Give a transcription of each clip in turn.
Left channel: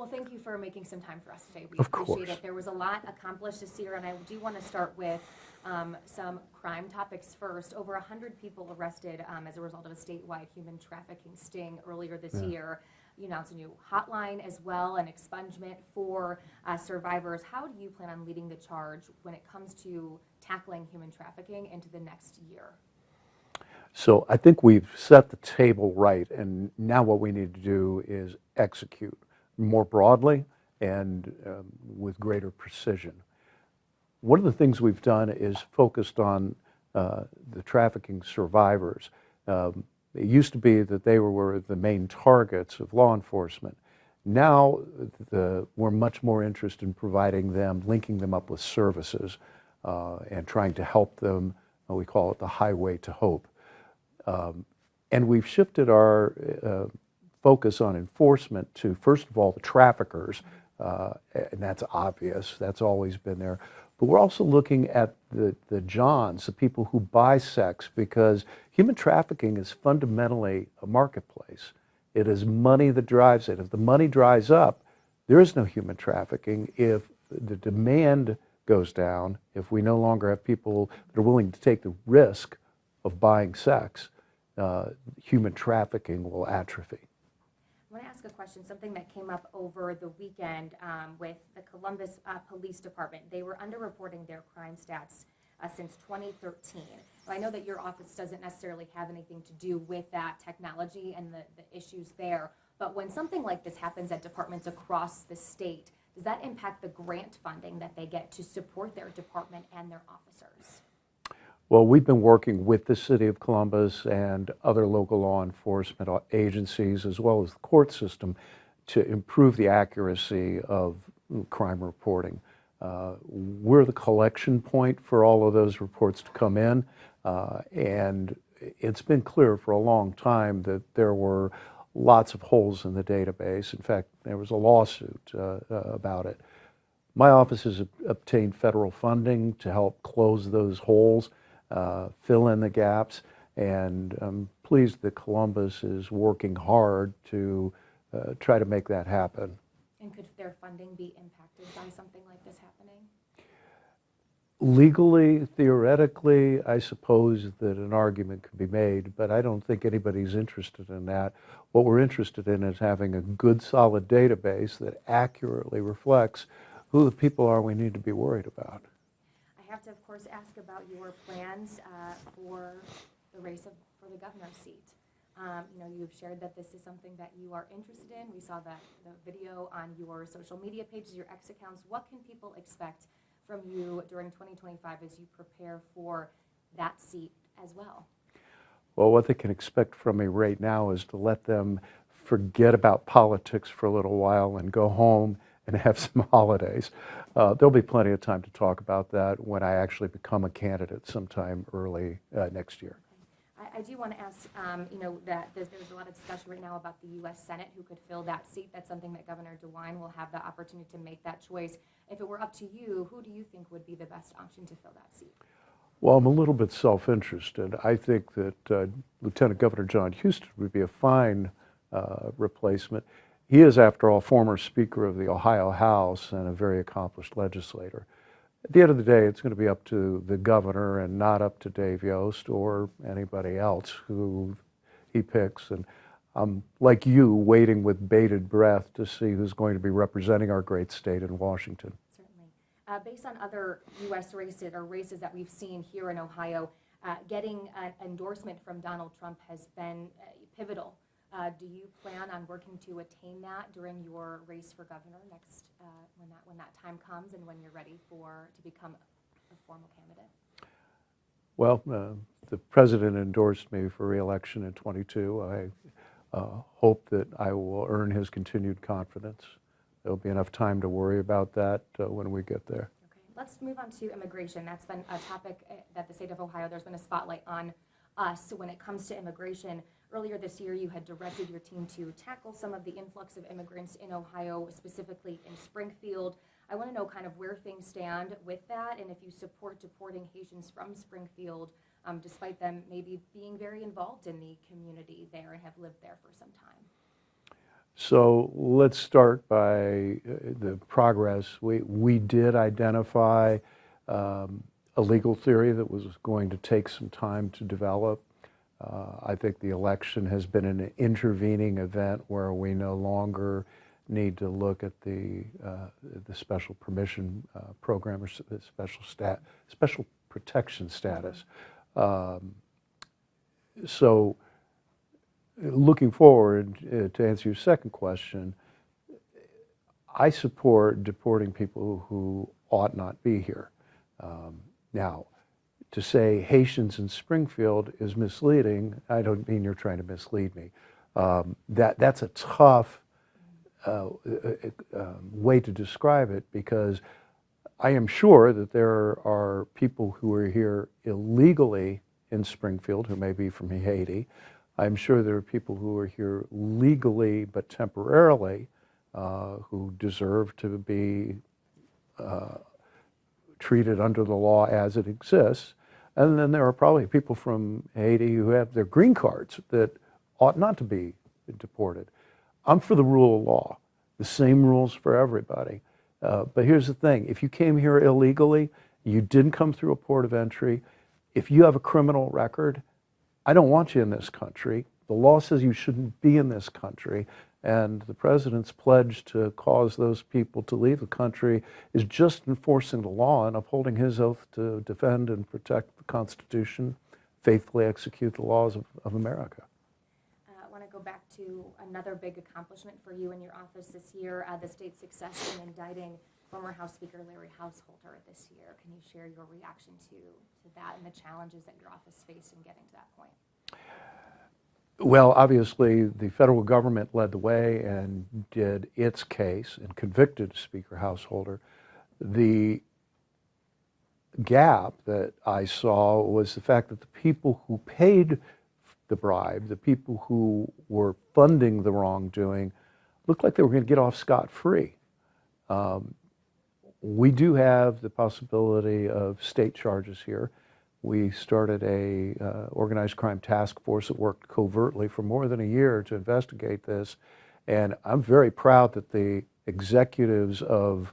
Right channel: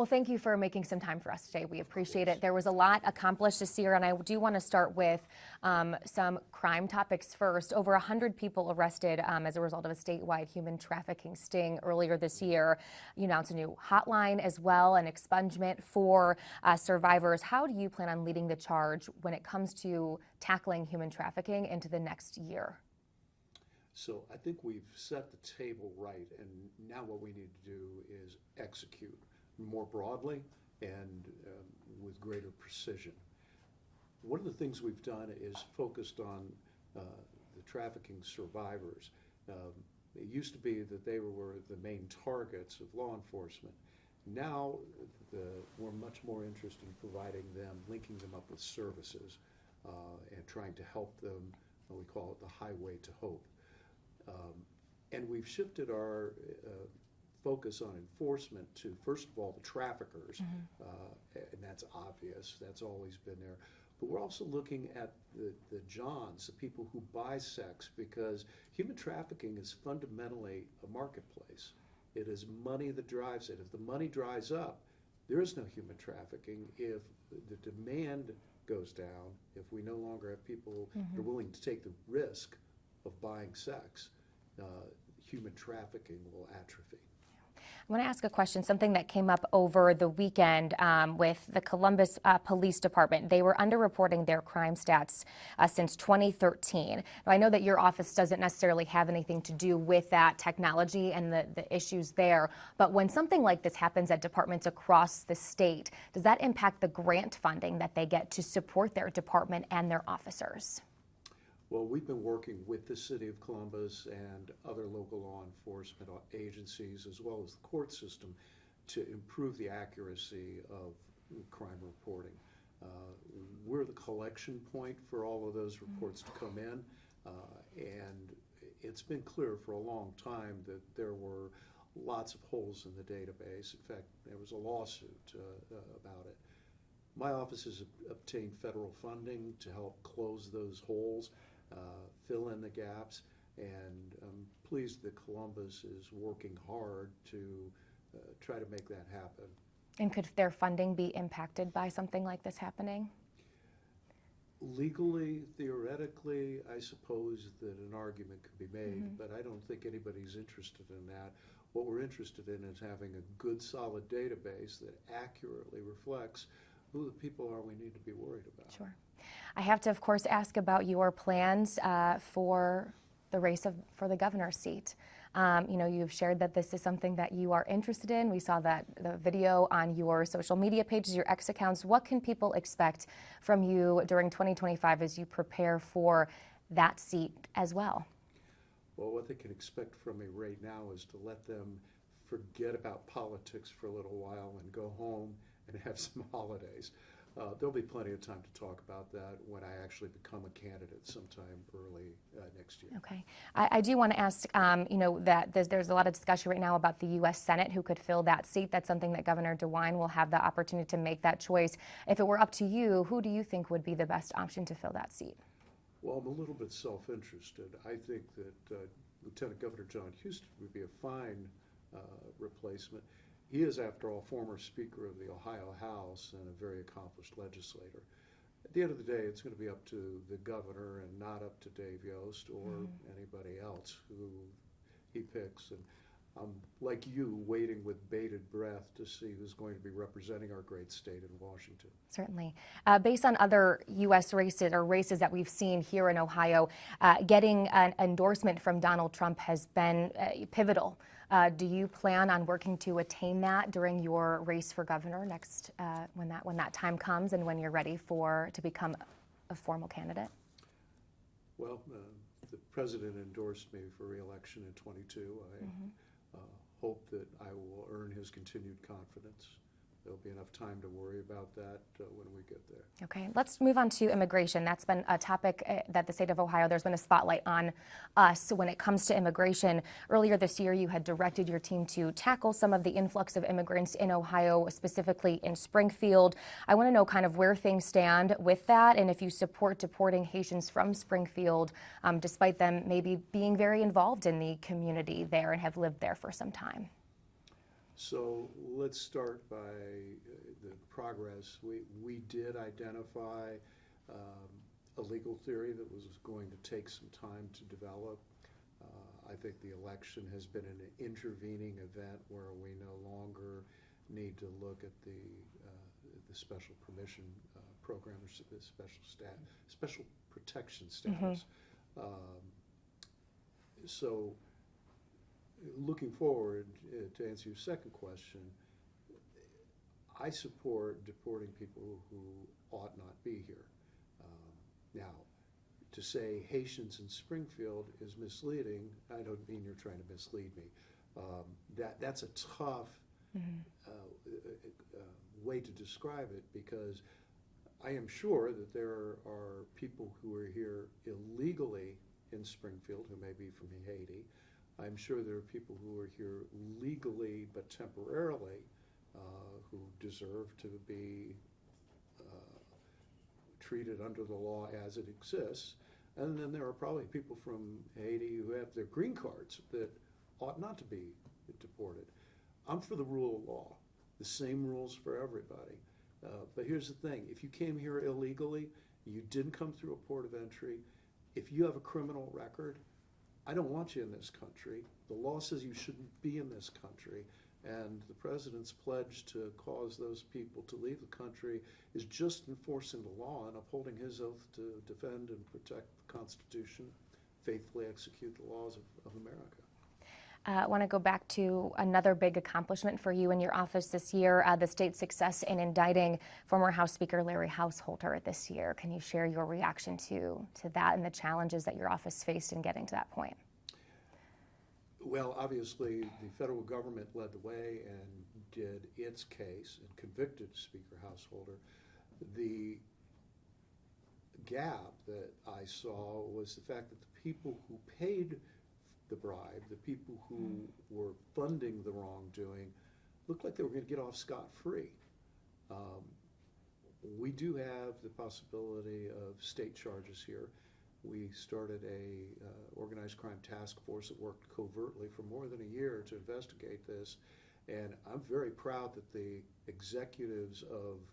Well, thank you for making some time for us today. We appreciate it. There was a lot accomplished this year, and I do want to start with some crime topics first. Over 100 people arrested as a result of a statewide human trafficking sting earlier this year. You announced a new hotline as well, an expungement for survivors. How do you plan on leading the charge when it comes to tackling human trafficking into the next year? So I think we've set the table right, and now what we need to do is execute more broadly and with greater precision. One of the things we've done is focused on the trafficking survivors. It used to be that they were the main targets of law enforcement. Now we're much more interested in providing them, linking them up with services, and trying to help them. We call it the highway to hope. And we've shifted our focus on enforcement to, first of all, the traffickers, and that's obvious. That's always been there. But we're also looking at the Johns, the people who buy sex, because human trafficking is fundamentally a marketplace. It is money that drives it. If the money dries up, there is no human trafficking. If the demand goes down, if we no longer have people that are willing to take the risk of buying sex, human trafficking will atrophy. I want to ask a question, something that came up over the weekend with the Columbus Police Department. They were underreporting their crime stats since 2013. Now, I know that your office doesn't necessarily have anything to do with that technology and the issues there, but when something like this happens at departments across the state, does that impact the grant funding that they get to support their department and their officers? Well, we've been working with the City of Columbus and other local law enforcement agencies, as well as the court system, to improve the accuracy of crime reporting. We're the collection point for all of those reports to come in, and it's been clear for a long time that there were lots of holes in the database. In fact, there was a lawsuit about it. My office has obtained federal funding to help close those holes, fill in the gaps, and I'm pleased that Columbus is working hard to try to make that happen. And could their funding be impacted by something like this happening? Legally, theoretically, I suppose that an argument could be made, but I don't think anybody's interested in that. What we're interested in is having a good, solid database that accurately reflects who the people are we need to be worried about. Sure. I have to, of course, ask about your plans for the race for the governor's seat. You know, you've shared that this is something that you are interested in. We saw the video on your social media pages, your X accounts. What can people expect from you during 2025 as you prepare for that seat as well? Well, what they can expect from me right now is to let them forget about politics for a little while and go home and have some holidays. There'll be plenty of time to talk about that when I actually become a candidate sometime early next year. Okay. I do want to ask, you know, that there's a lot of discussion right now about the U.S. Senate who could fill that seat. That's something that Governor DeWine will have the opportunity to make that choice. If it were up to you, who do you think would be the best option to fill that seat? Well, I'm a little bit self-interested. I think that Lieutenant Governor John Houston would be a fine replacement. He is, after all, former Speaker of the Ohio House and a very accomplished legislator. At the end of the day, it's going to be up to the governor and not up to Dave Yost or anybody else who he picks. And I'm, like you, waiting with bated breath to see who's going to be representing our great state in Washington. Certainly. Based on other U.S. races or races that we've seen here in Ohio, getting an endorsement from Donald Trump has been pivotal. Do you plan on working to attain that during your race for governor next, when that time comes and when you're ready to become a formal candidate? Well, the president endorsed me for re-election in 22. I hope that I will earn his continued confidence. There'll be enough time to worry about that when we get there. Okay, let's move on to immigration. That's been a topic that the state of Ohio, there's been a spotlight on us when it comes to immigration. Earlier this year, you had directed your team to tackle some of the influx of immigrants in Ohio, specifically in Springfield. I want to know kind of where things stand with that and if you support deporting Haitians from Springfield, despite them maybe being very involved in the community there and have lived there for some time. So let's start by the progress. We did identify a legal theory that was going to take some time to develop. I think the election has been an intervening event where we no longer need to look at the special permission program or special protection status. So looking forward, to answer your second question, I support deporting people who ought not be here. Now, to say Haitians in Springfield is misleading, I don't mean you're trying to mislead me. That's a tough way to describe it, because I am sure that there are people who are here illegally in Springfield who may be from Haiti. I'm sure there are people who are here legally but temporarily who deserve to be treated under the law as it exists. And then there are probably people from Haiti who have their green cards that ought not to be deported. I'm for the rule of law, the same rules for everybody. But here's the thing, if you came here illegally, you didn't come through a port of entry, if you have a criminal record, I don't want you in this country. The law says you shouldn't be in this country, and the president's pledge to cause those people to leave the country is just enforcing the law and upholding his oath to defend and protect the Constitution, faithfully execute the laws of America. I want to go back to another big accomplishment for you and your office this year, the state's success in indicting former House Speaker Larry Householder this year. Can you share your reaction to that and the challenges that your office faced in getting to that point? Well, obviously, the federal government led the way and did its case and convicted Speaker Householder. The gap that I saw was the fact that the people who paid the bribe, the people who were funding the wrongdoing, looked like they were going to get off scot-free. We do have the possibility of state charges here. We started a organized crime task force that worked covertly for more than a year to investigate this, and I'm very proud that the executives of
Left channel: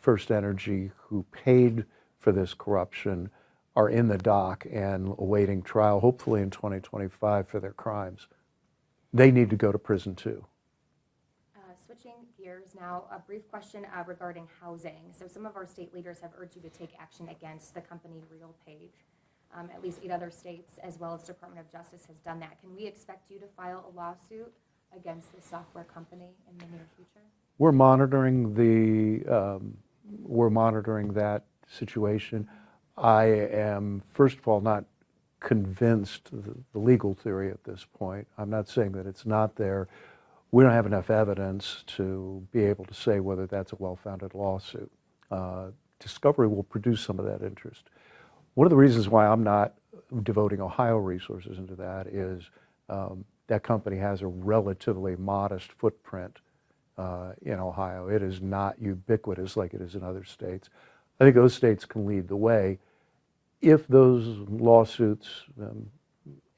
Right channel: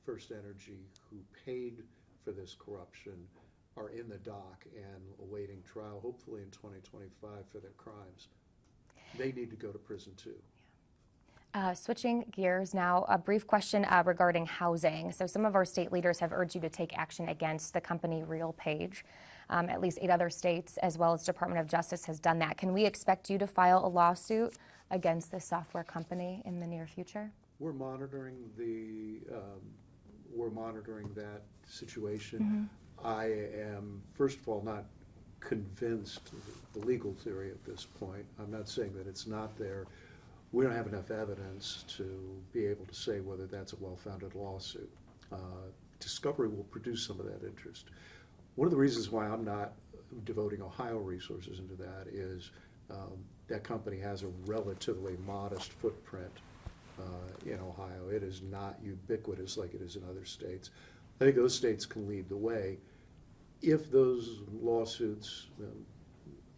First Energy who paid for this corruption are in the dock and awaiting trial, hopefully in 2025, for their crimes. They need to go to prison too. Switching gears now, a brief question regarding housing. So some of our state leaders have urged you to take action against the company RealPage. At least 8 other states, as well as Department of Justice, has done that. Can we expect you to file a lawsuit against this software company in the near future? We're monitoring that situation. I am, first of all, not convinced of the legal theory at this point. I'm not saying that it's not there. We don't have enough evidence to be able to say whether that's a well-founded lawsuit. Discovery will produce some of that interest. One of the reasons why I'm not devoting Ohio resources into that is that company has a relatively modest footprint in Ohio. It is not ubiquitous like it is in other states. I think those states can lead the way. If those lawsuits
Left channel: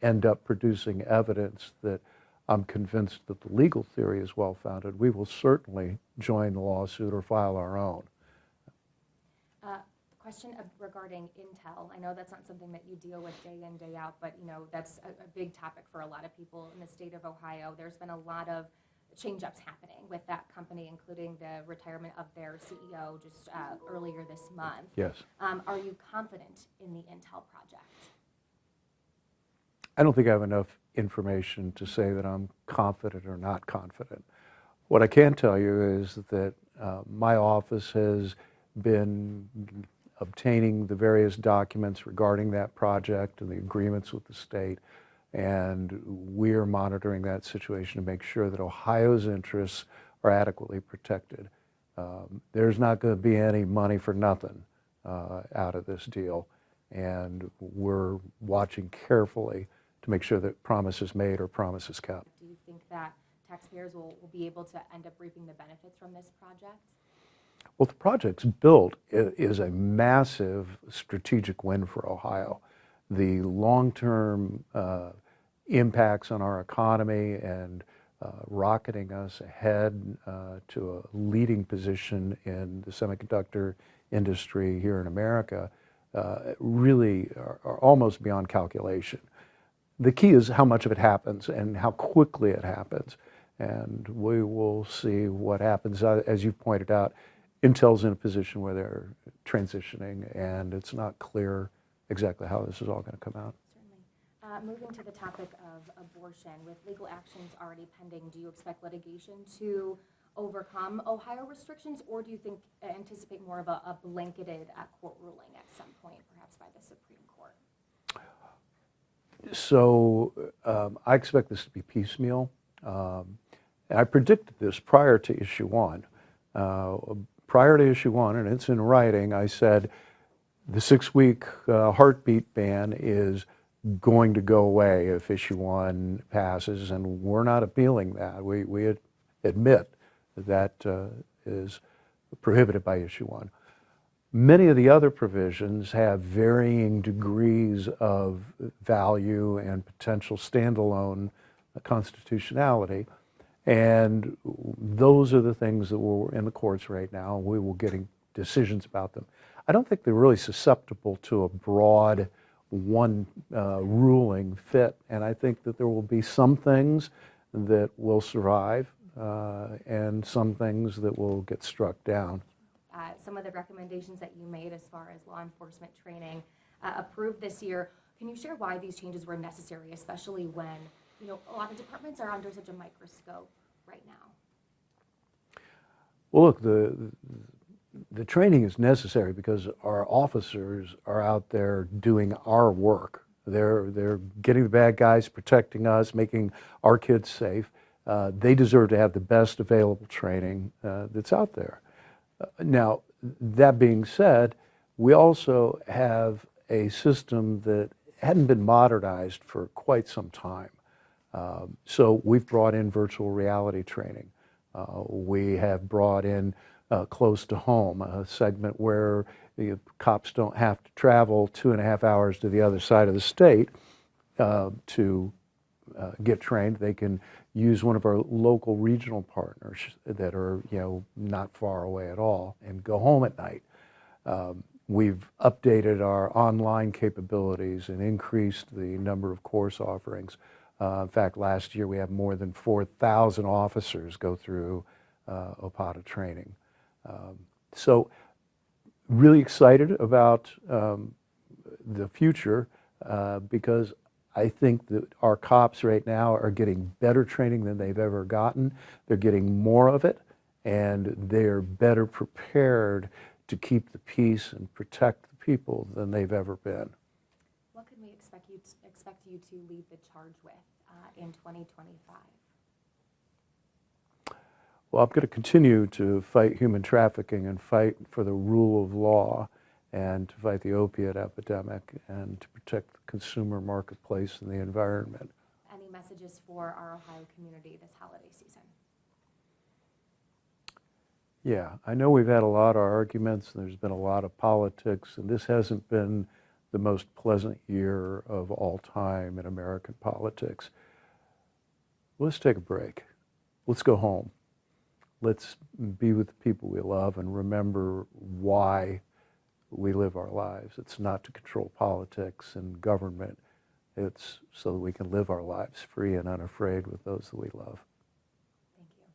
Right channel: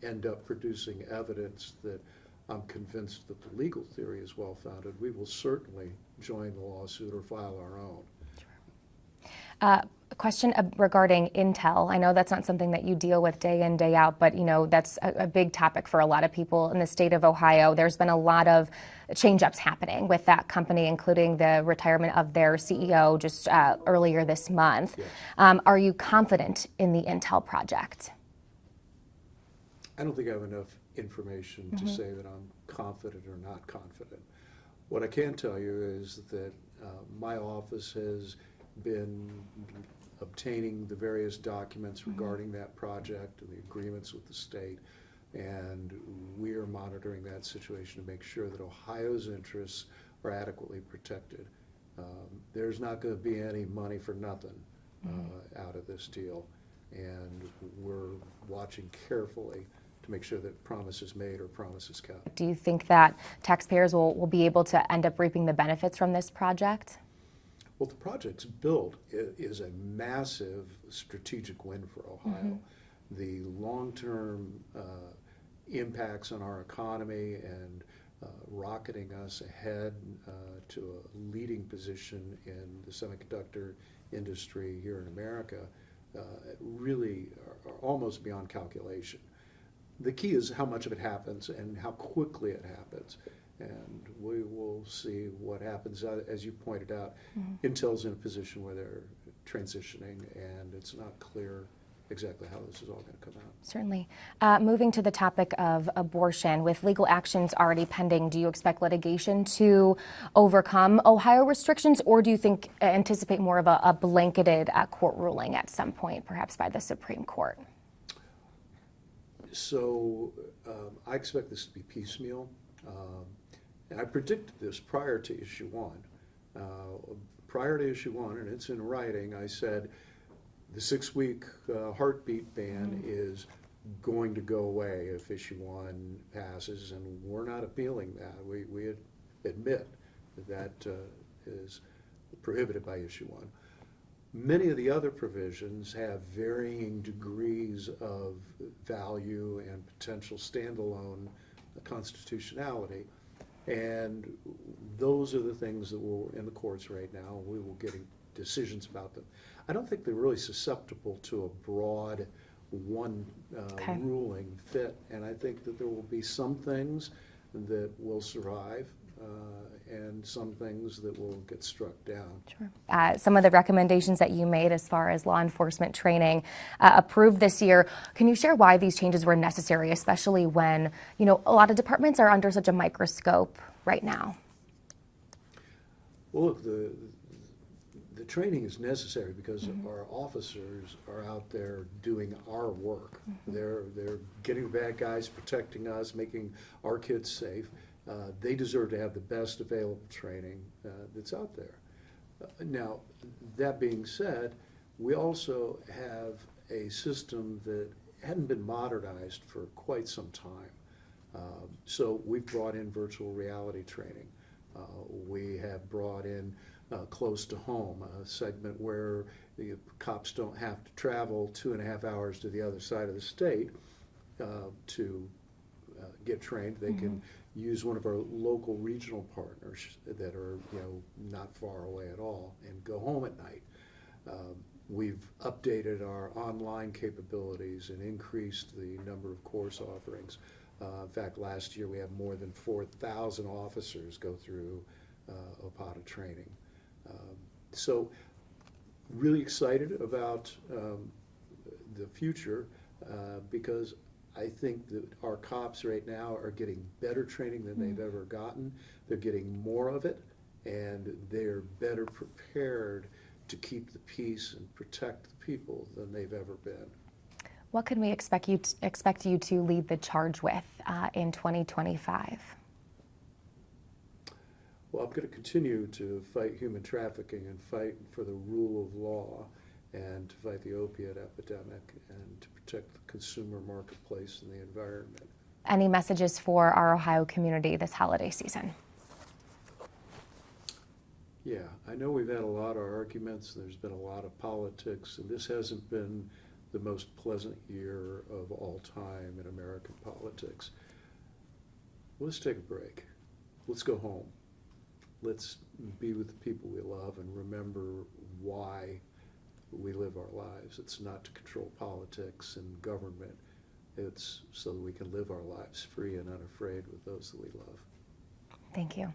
end up producing evidence that I'm convinced that the legal theory is well-founded, we will certainly join the lawsuit or file our own. A question regarding Intel. I know that's not something that you deal with day in, day out, but that's a big topic for a lot of people in the state of Ohio. There's been a lot of change-ups happening with that company, including the retirement of their CEO just earlier this month. Yes. Are you confident in the Intel project? I don't think I have enough information to say that I'm confident or not confident. What I can tell you is that my office has been obtaining the various documents regarding that project and the agreements with the state, and we are monitoring that situation to make sure that Ohio's interests are adequately protected. There's not going to be any money for nothing out of this deal, and we're watching carefully to make sure that promises made are promises kept. Do you think that taxpayers will be able to end up reaping the benefits from this project? Well, the project's built is a massive strategic win for Ohio. The long-term impacts on our economy and rocketing us ahead to a leading position in the semiconductor industry here in America really are almost beyond calculation. The key is how much of it happens and how quickly it happens. And we will see what happens. As you pointed out, Intel's in a position where they're transitioning, and it's not clear exactly how this is all going to come out. Certainly. Moving to the topic of abortion, with legal actions already pending, do you expect litigation to overcome Ohio restrictions, or do you anticipate more of a blanketed court ruling at some point, perhaps by the Supreme Court? So I expect this to be piecemeal. And I predicted this prior to issue 1. Prior to issue 1, and it's in writing, I said the 6-week heartbeat ban is going to go away if issue 1 passes, and we're not appealing that. We admit that is prohibited by issue 1. Many of the other provisions have varying degrees of value and potential standalone constitutionality, and those are the things that we're in the courts right now. We will get decisions about them. I don't think they're really susceptible to a broad one ruling fit, and I think that there will be some things that will survive and some things that will get struck down. Sure. Some of the recommendations that you made as far as law enforcement training approved this year. Can you share why these changes were necessary, especially when, a lot of departments are under such a microscope right now? Well, look, the training is necessary because our officers are out there doing our work. They're getting the bad guys, protecting us, making our kids safe. They deserve to have the best available training that's out there. Now, that being said, we also have a system that hadn't been modernized for quite some time. So we've brought in virtual reality training. We have brought in close to home, a segment where the cops don't have to travel 2.5 hours to the other side of the state to get trained. They can use one of our local regional partners that are, not far away at all and go home at night. We've updated our online capabilities and increased the number of course offerings. In fact, last year we had more than 4,000 officers go through OPATA training. So really excited about the future because I think that our cops right now are getting better training than they've ever gotten. They're getting more of it, and they're better prepared to keep the peace and protect the people than they've ever been. What can we expect you to lead the charge with in 2025? Well, I'm going to continue to fight human trafficking and fight for the rule of law and to fight the opiate epidemic and to protect the consumer marketplace and the environment. Any messages for our Ohio community this holiday season? Yeah, I know we've had a lot of arguments, and there's been a lot of politics, and this hasn't been the most pleasant year of all time in American politics. Let's take a break. Let's go home. Let's be with the people we love and remember why we live our lives. It's not to control politics and government. It's so that we can live our lives free and unafraid with those that we love. Thank you.